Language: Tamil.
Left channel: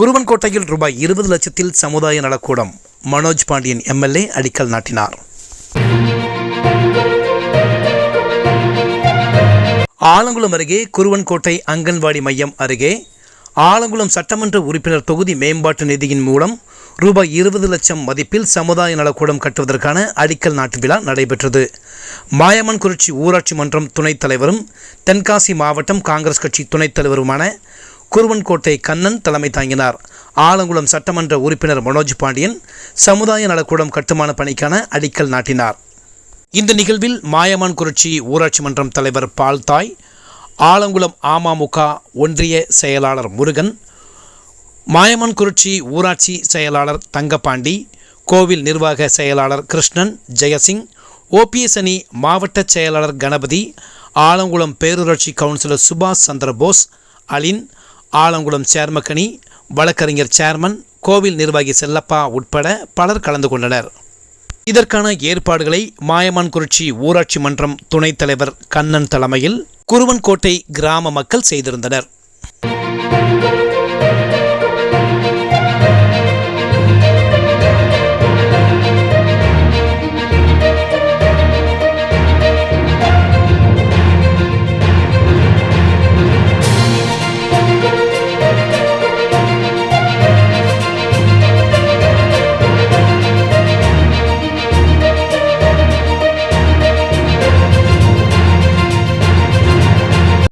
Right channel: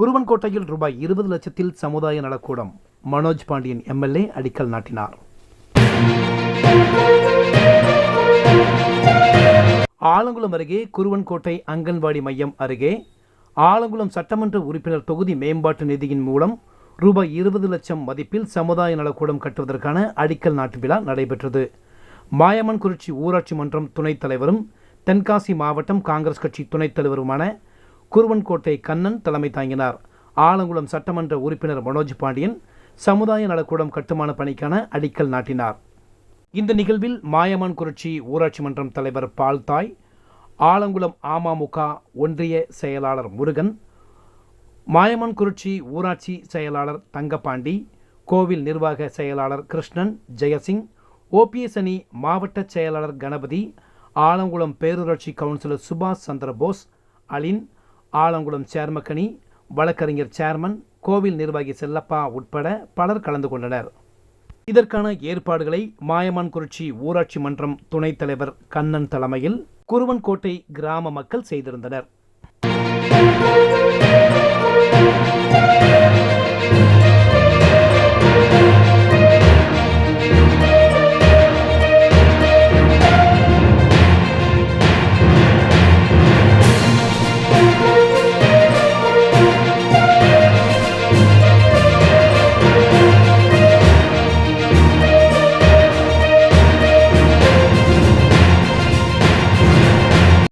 குருவன்கோட்டையில் ரூபாய் இருபது லட்சத்தில் சமுதாய நலக்கூடம். மனோஜ் பாண்டியன் எம்எல்ஏ அடிக்கல் நாட்டினார். ஆலங்குளம் அருகே குருவன்கோட்டை அங்கன்வாடி மையம் அருகே ஆலங்குளம் சட்டமன்ற உறுப்பினர் தொகுதி மேம்பாட்டு நிதியின் மூலம் ரூபாய் இருபது லட்சம் மதிப்பில் சமுதாய நலக்கூடம் கட்டுவதற்கான அடிக்கல் நாட்டு விழா நடைபெற்றது. மாயமன்குறிச்சி ஊராட்சி மன்றம் துணைத் தலைவரும் தென்காசி மாவட்டம் காங்கிரஸ் கட்சி துணைத் தலைவருமான குருவன்கோட்டை கண்ணன் தலைமை தாங்கினார். ஆலங்குளம் சட்டமன்ற உறுப்பினர் மனோஜ் பாண்டியன் சமுதாய நலக்கூடம் கட்டுமான பணிக்கான அடிக்கல் நாட்டினார். இந்த நிகழ்வில் மாயமான் குறிச்சி ஊராட்சி மன்றம் தலைவர் பால்தாய் ஆலங்குளம் அமமுக ஒன்றிய செயலாளர் முருகன் மாயமான் குறிச்சி ஊராட்சி செயலாளர் தங்கப்பாண்டி கோவில் நிர்வாக செயலாளர் கிருஷ்ணன் ஜெயசிங் ஓபிஎஸ் அணி மாவட்ட செயலாளர் கணபதி ஆலங்குளம் பேரூராட்சி கவுன்சிலர் சுபாஷ் சந்திரபோஸ் அலின் ஆலங்குளம் சேர்மக்கணி வழக்கறிஞர் சேர்மன் கோவில் நிர்வாகி செல்லப்பா உட்பட பலர் கலந்து கொண்டனர். இதற்கான ஏற்பாடுகளை மாயமான்குறிச்சி ஊராட்சி மன்றம் துணைத் தலைவர் கண்ணன் தலைமையில் குருவன்கோட்டை கிராம மக்கள் செய்திருந்தனர்.